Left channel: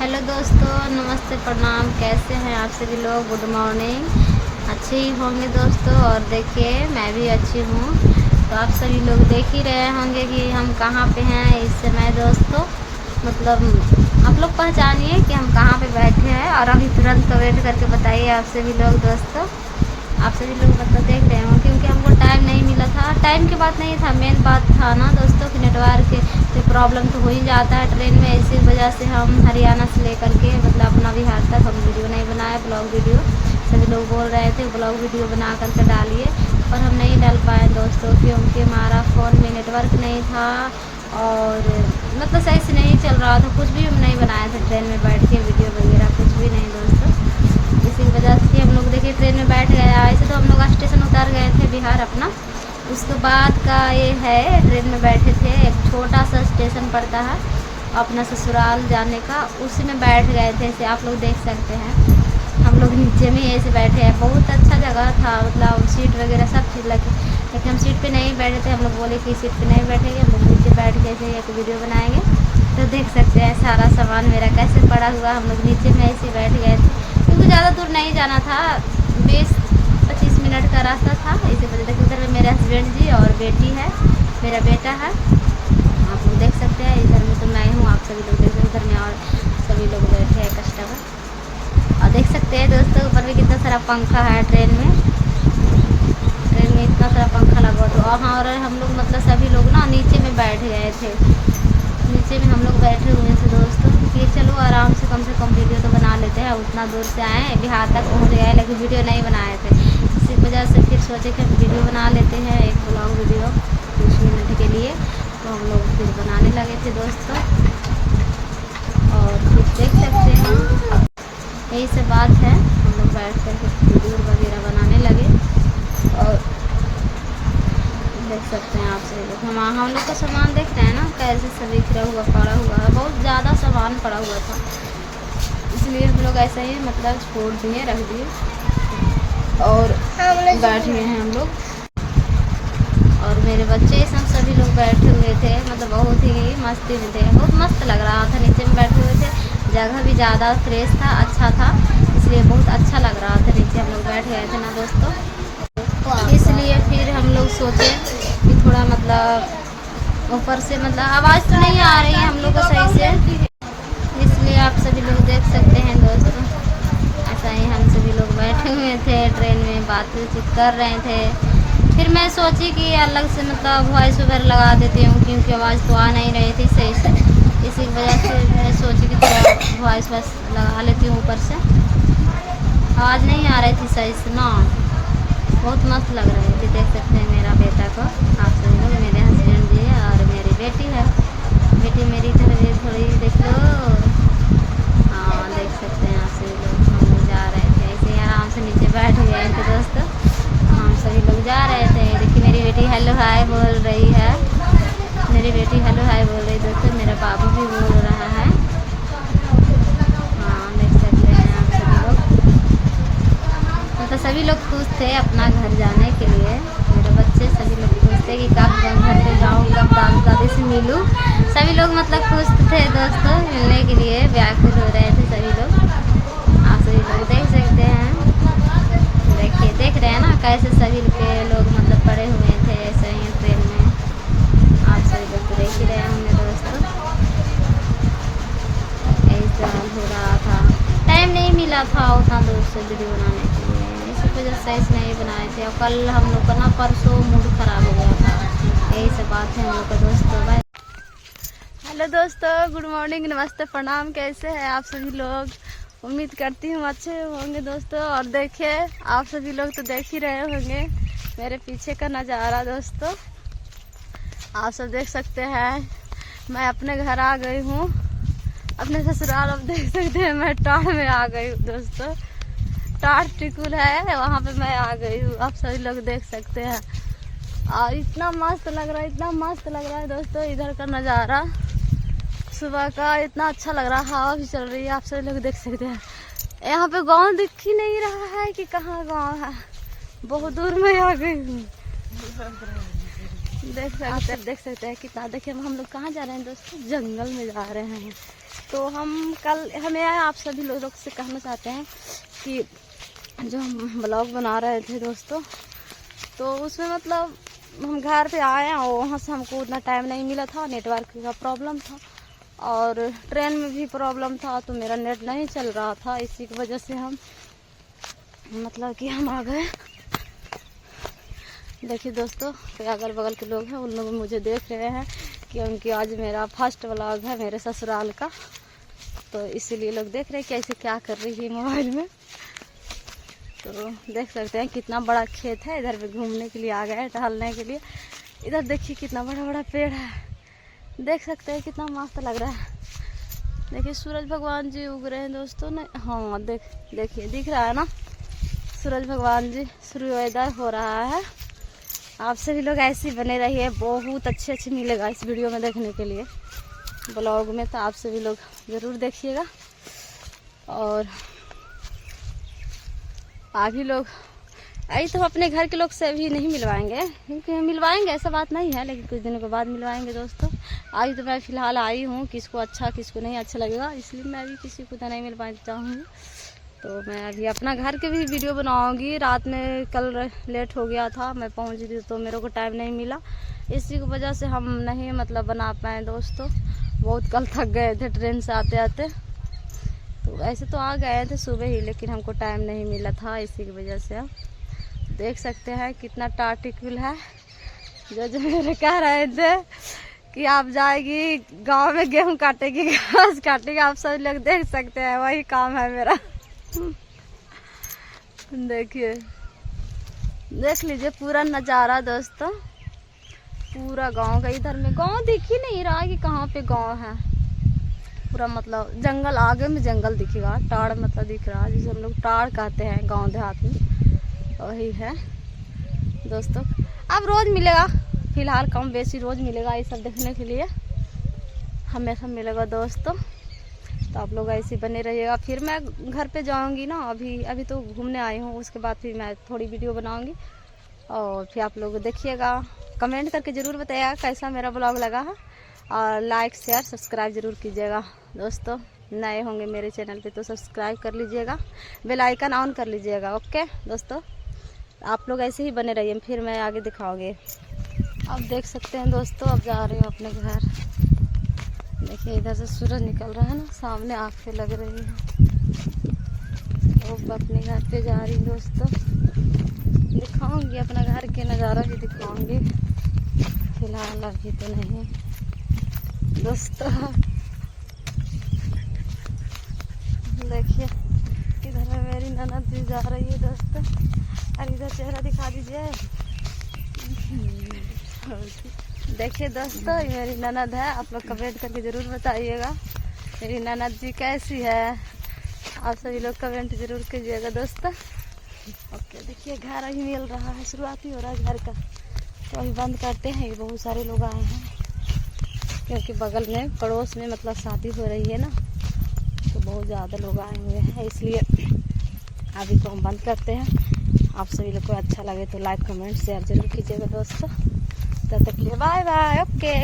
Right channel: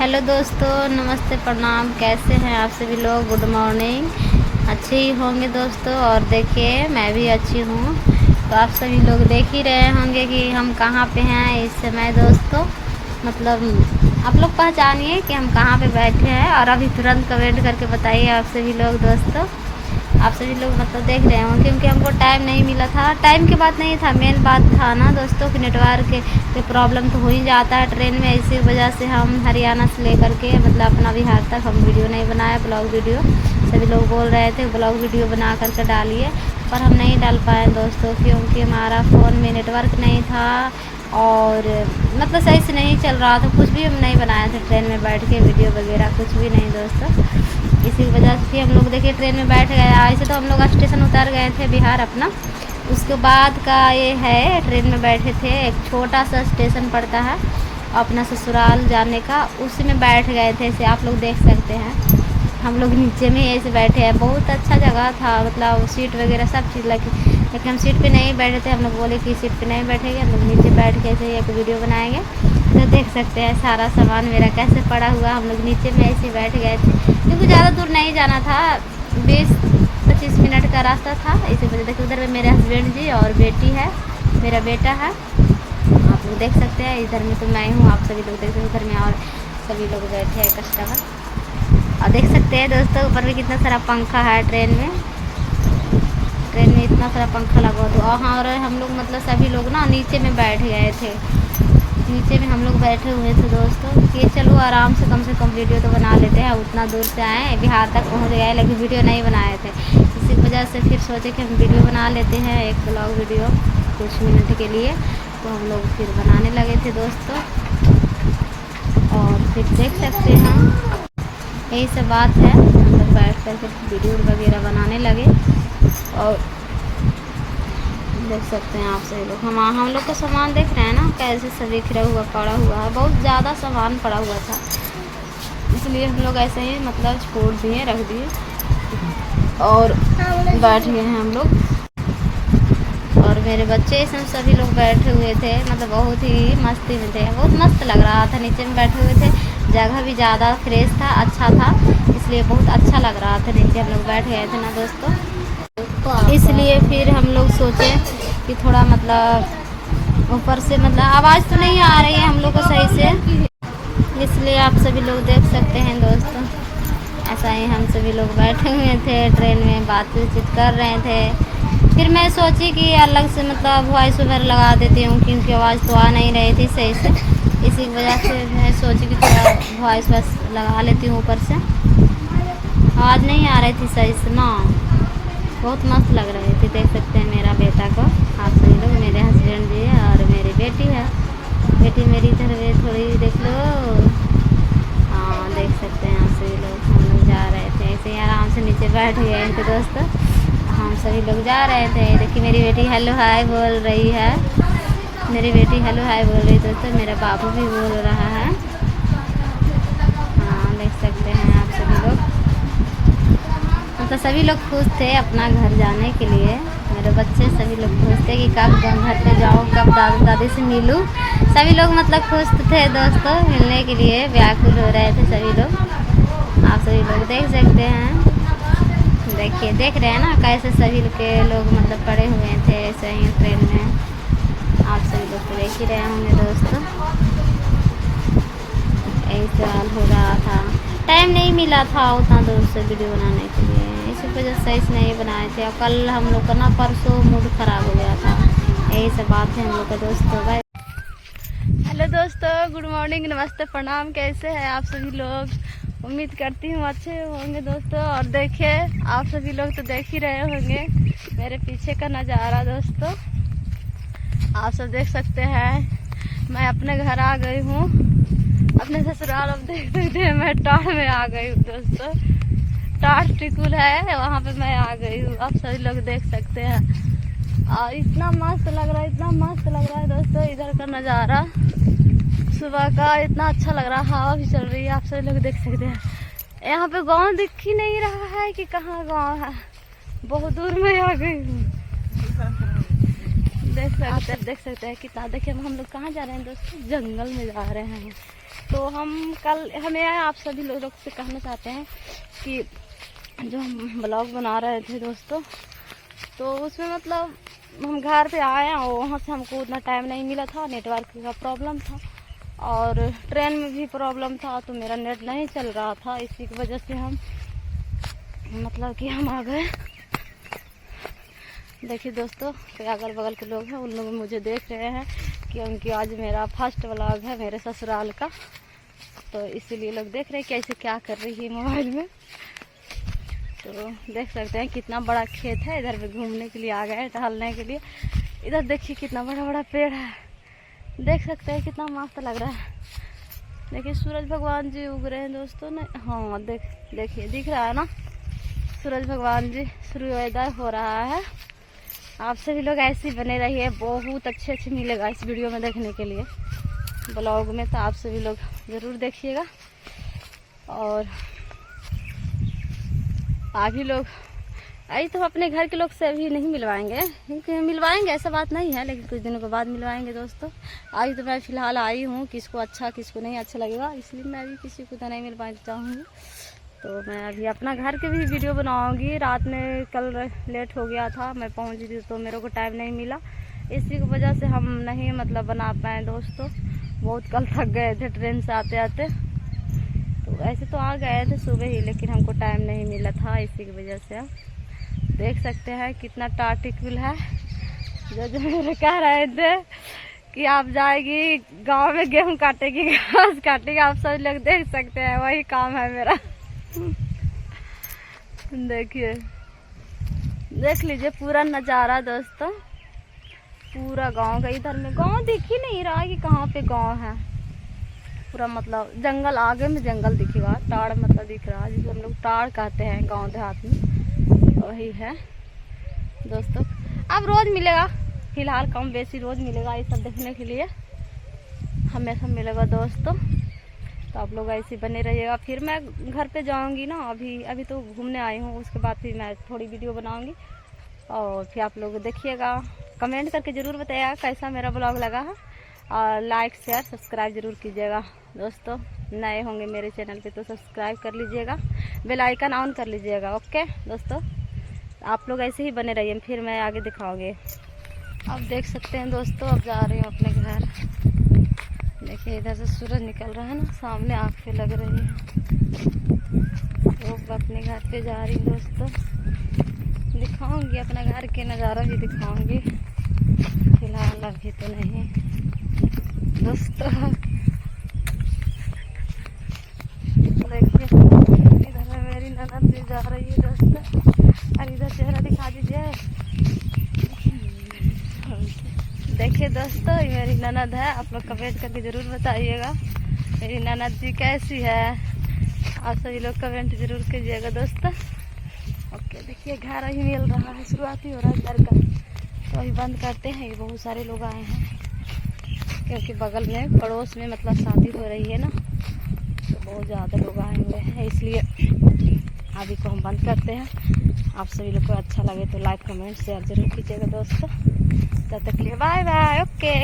Hello दोस्तों, नमस्ते, प्रणाम। कैसे हैं आप सभी लोग? Good morning. अच्छे ही होंगे दोस्तों। और देखिए, मैं भी अच्छी हूँ। तो आप सभी लोग देख ही रहे होंगे कि हम कहाँ पे हैं इस समय दोस्तों। मतलब आप लोग पहचानिए कि हम कहाँ पे बैठे हैं, और अभी तुरंत कमेंट करके बताइए आप सभी लोग दोस्तों। आप सभी लोग मतलब देख रहे हो, क्योंकि हमको टाइम नहीं मिला था। टाइम की बात नहीं था, मेन बात था ना दोस्तों कि नेटवर्क के प्रॉब्लम तो हो ही जाता है ट्रेन में। इसी वजह से हम हरियाणा से लेकर के मतलब अपना बिहार तक हम वीडियो नहीं बनाए, ब्लॉग वीडियो। सभी लोग बोल रहे थे ब्लॉग वीडियो बना करके डालिए, पर हम नहीं डाल पाए दोस्तों, क्योंकि हमारा फ़ोन में नेटवर्क नहीं था और मतलब सही से नहीं चल रहा था। कुछ भी हम नहीं बनाए थे ट्रेन में बैठ के, वीडियो वगैरह कुछ भी नहीं दोस्तों। इसी वजह से हम लोग देखिए ट्रेन में बैठ गए। ऐसे तो हम लोग स्टेशन उतर गए थे बिहार अपना। उसके बाद का ये है, ट्रेन में बैठे थे, एक छोटा सा स्टेशन पड़ता है अपना ससुराल जाने का, उसी में बैठ गए थे। ऐसे आप लोग देख सकते हैं, हम लोग नीचे में ऐसे बैठे हैं। बहुत अच्छा जगह था, मतलब सीट वगैरह सब थी, लेकिन हम सीट पे नहीं बैठे थे। हम लोग बोले कि सीट पे नहीं बैठेंगे, हम लोग नीचे बैठ के ऐसे एक वीडियो बनाएंगे। तो देख सकते हैं सारा सामान मेरा कैसे पड़ा हुआ। हम लोग नीचे में ऐसे बैठ गए थे, क्योंकि ज़्यादा दूर नहीं जाना था, 20-25 मिनट का रास्ता था। इसी वजह से उधर में मेरे हस्बैंड जी और बेटी है, मेरा बेटा है, आप लोग देख सकते हैं। इधर में तो मैं हूँ, आप सभी लोग देख सकते हैं। उधर में और सभी लोग बैठे हैं कस्टमर, और देख सकते हैं दोस्तों ऊपर में कितना सारा पंखा है। ट्रेन में इतना सारा पंखा लगा हुआ। तो हाँ, और हम लोग मतलब सभी लोग ना नीचे में बैठ गए थे। नीचे में हम लोग बैठे हुए थे दोस्तों कि चलो आराम से कम वीडियो तो बना लेते हैं। उतना दूर से आए, बिहार तक पहुंच गए, लेकिन वीडियो नहीं बनाए थे। इसी वजह से फिर सोचे कि हम वीडियो बना लेते हैं, एक ब्लॉग वीडियो कुछ मिनट के लिए। तो हम लोग फिर बनाने लगे थे दोस्तों, और फिर देख सकते हैं यही सब बात है। हम लोग बैठ कर के वीडियो वगैरह बनाने लगे, और देख सकते हैं आप सभी लोग। हम लोग का सामान देख रहे हैं ना कैसे सब बिखरा हुआ पड़ा हुआ है। बहुत ज़्यादा सामान पड़ा हुआ था, इसलिए हम लोग ऐसे ही मतलब छोड़ दिए, रख दिए, और बैठ गए हैं हम लोग। और मेरे बच्चे सब सभी लोग बैठे हुए थे, मतलब बहुत ही मस्ती में थे। बहुत मस्त लग रहा था, नीचे में बैठे हुए थे। जगह भी ज़्यादा फ्रेश था, अच्छा था, इसलिए बहुत अच्छा लग रहा था। नीचे हम लोग बैठ गए थे ना दोस्तों, इसलिए फिर हम लोग सोचे कि थोड़ा मतलब ऊपर से मतलब आवाज़ तो नहीं आ रही है हम लोग को सही से, इसलिए आप सभी लोग देख सकते हैं दोस्तों। ऐसा ही हम सभी लोग बैठे हुए थे ट्रेन में, बातचीत कर रहे थे। फिर मैं सोची कि अलग से मतलब वॉइस ओवर लगा देती हूँ, क्योंकि आवाज़ तो आ नहीं रही थी सही से। इसी वजह से मैं सोची कि थोड़ा वॉइस बस लगा लेती हूँ ऊपर से। आवाज़ नहीं आ रही थी सही से ना, बहुत मस्त लग रहे थे। देख सकते हैं मेरा बेटा को, आप सभी लोग, मेरे हस्बैंड जी और मेरी बेटी है। बेटी मेरी इधर थोड़ी देख लो। हाँ, देख सकते हैं आप सभी लोग। हम लोग जा रहे थे ऐसे ही आराम से, नीचे बैठ गए थे दोस्तों। हम सभी लोग जा रहे थे। देखिए मेरी बेटी हेलो हाय बोल रही है, मेरी बेटी हेलो हाय बोल रही दोस्तों। मेरा बाबू भी बोल रहा है। हाँ, देख सकते हैं आप सभी लोग। तो सभी लोग खुश थे अपना घर जाने के लिए। मेरे बच्चे सभी लोग खुश थे कि कब घर पे जाऊँ, कब दादा दादी से मिलूँ। सभी लोग मतलब खुश थे दोस्तों, मिलने के लिए व्याकुल हो रहे थे सभी लोग। आप सभी लोग देख सकते हैं, देखिए देख रहे हैं ना कैसे सभी के लोग मतलब पड़े हुए थे ऐसे ही ट्रेन में। आप सभी लोग तो देख ही रहे होंगे दोस्तों। ऐसे हाल हो रहा था, टाइम नहीं मिला था उतना दूर से वीडियो बनाने के लिए, इसी वजह से ऐसे नहीं बनाए थे। और कल हम लोग का ना परसों मूड ख़राब हो गया था। यही सब बात है हम लोग का दोस्तों। बाय। हेलो दोस्तों, गुड मॉर्निंग, नमस्ते, प्रणाम। कैसे हैं आप सभी लोग? उम्मीद करती हूँ अच्छे होंगे दोस्तों। और देखिए आप सभी लोग तो देख ही रहे होंगे मेरे पीछे का नज़ारा दोस्तों। आप सब देख सकते हैं, मैं अपने घर आ गई हूँ, अपने ससुराल। अब देख सकते हैं मैं टाड़ में आ गई हूँ दोस्तों। टाड़ टिकुल है वहाँ पे मैं आ गई हूँ, आप सभी लोग देख सकते हैं। और इतना मस्त लग रहा है, इतना मस्त लग रहा है दोस्तों इधर का नज़ारा। सुबह का इतना अच्छा लग रहा है, हवा भी चल रही है, आप सभी लोग देख सकते हैं। यहाँ पे गांव दिख ही नहीं रहा है कि कहाँ गांव है, बहुत दूर में आ गई हूँ। देख सकते हैं कितना। देखिए हम लोग कहाँ जा रहे हैं दोस्तों, जंगल में जा रहे हैं। तो हमें आप सभी लोगों से कहना चाहते हैं कि जो हम ब्लॉग बना रहे थे दोस्तों, तो उसमें मतलब हम घर पे आए और वहाँ से हमको उतना टाइम नहीं मिला था, नेटवर्क का प्रॉब्लम था और ट्रेन में भी प्रॉब्लम था, तो मेरा नेट नहीं चल रहा था। इसी की वजह से हम मतलब कि हम आ गए। देखिए दोस्तों, अगल बगल के लोग हैं, उन लोग मुझे देख रहे हैं क्योंकि आज मेरा फर्स्ट व्लॉग है मेरे ससुराल का, तो इसीलिए लोग देख रहे हैं कैसे क्या कर रही है मोबाइल में। तो देख सकते हैं कितना बड़ा खेत है, इधर भी घूमने के लिए आ गए हैं, टहलने के लिए। इधर देखिए कितना बड़ा बड़ा पेड़ है, देख सकते हैं कितना मस्त लग रहा है। देखिए सूरज भगवान जी उग रहे हैं दोस्तों ने। हाँ देखिए दिख रहा है ना, सूरज भगवान जी, सूर्योदय हो रहा है। आप सभी लोग ऐसे ही बने रहिए, बहुत अच्छे मिलेगा इस वीडियो में देखने के लिए ब्लॉग में, तो आप सभी लोग ज़रूर देखिएगा। और अभी लोग अभी तो अपने घर के लोग से भी नहीं मिलवाएंगे, क्योंकि मिलवाएंगे ऐसा बात नहीं है, लेकिन कुछ दिनों के बाद मिलवाएंगे दोस्तों। आज तो मैं फ़िलहाल आई हूँ, किसको अच्छा किसको नहीं अच्छा लगेगा, इसलिए मैं भी किसी को तो नहीं मिल पाना चाहूँगी। तो मैं अभी अपना घर के भी वीडियो बनाऊंगी। रात में कल लेट हो गया था, मैं पहुंची थी तो मेरे को टाइम नहीं मिला, इसी की वजह से हम नहीं मतलब बना पाए दोस्तों। बहुत कल थक गए थे ट्रेन से आते आते, तो ऐसे तो आ गए थे सुबह ही, लेकिन हमको टाइम नहीं मिला था, इसी की वजह से। आप देख सकते हैं कितना टार्टिकल है। जो मेरे कह रहे थे कि आप जाएगी गाँव में गेहूँ काटेगी, घास काटेगी, आप सब लोग देख सकते हैं वही काम है मेरा। देखिए देख लीजिए पूरा नज़ारा दोस्तों, पूरा गांव का। इधर में गांव दिख ही नहीं रहा कि कहाँ पे गांव है, पूरा मतलब जंगल, आगे में जंगल दिखेगा, टाड़ मतलब दिख रहा है, जिसे हम लोग टाड़ कहते हैं गांव देहात में, वही है दोस्तों। अब रोज़ मिलेगा, फिलहाल कम बेसी रोज़ मिलेगा ये सब देखने के लिए, हमेशा मिलेगा दोस्तों। तो आप लोग ऐसे बने रहिएगा। फिर मैं घर पे जाऊंगी ना, अभी तो घूमने आई हूँ, उसके बाद फिर मैं थोड़ी वीडियो बनाऊंगी और फिर आप लोग देखिएगा। कमेंट करके ज़रूर बताइएगा कैसा मेरा ब्लॉग लगा है, और लाइक शेयर सब्सक्राइब ज़रूर कीजिएगा दोस्तों। नए होंगे मेरे चैनल पे तो सब्सक्राइब कर लीजिएगा, बेल आइकन ऑन कर लीजिएगा। ओके दोस्तों, आप लोग ऐसे ही बने रहिए, फिर मैं आगे दिखाऊँगी। आप देख सकते हैं दोस्तों, अब जा रही हूँ अपने घर। देखिए इधर से सूरज निकल रहा है ना, सामने आँखें लग रही है। तो अपने घर पे जा रही दोस्तों, दिखाऊंगी अपना घर के नज़ारा भी दिखाऊंगी, फिलहाल अभी तो नहीं दोस्तों। देखिए इधर में मेरी ननद भी जा रही है दोस्तों, और इधर चेहरा दिखा दीजिए। देखिए दोस्तों ये मेरी ननद है, आप लोग कमेंट करके ज़रूर बताइएगा मेरी ननद जी कैसी है, आप सभी लोग कमेंट ज़रूर कीजिएगा दोस्तों। ओके देखिए घर अभी मिल रहा है, शुरुआती हो रहा है घर का, तो अभी बंद करते हैं। ये बहुत सारे लोग आए हैं क्योंकि बगल में पड़ोस में मतलब शादी हो रही है ना, तो बहुत ज़्यादा लोग आए हुए हैं, इसलिए अभी को हम बंद करते हैं। आप सभी लोग को अच्छा लगे तो लाइक कमेंट शेयर जरूर कीजिएगा दोस्तों। तब तक के लिए बाय बाय। ओके।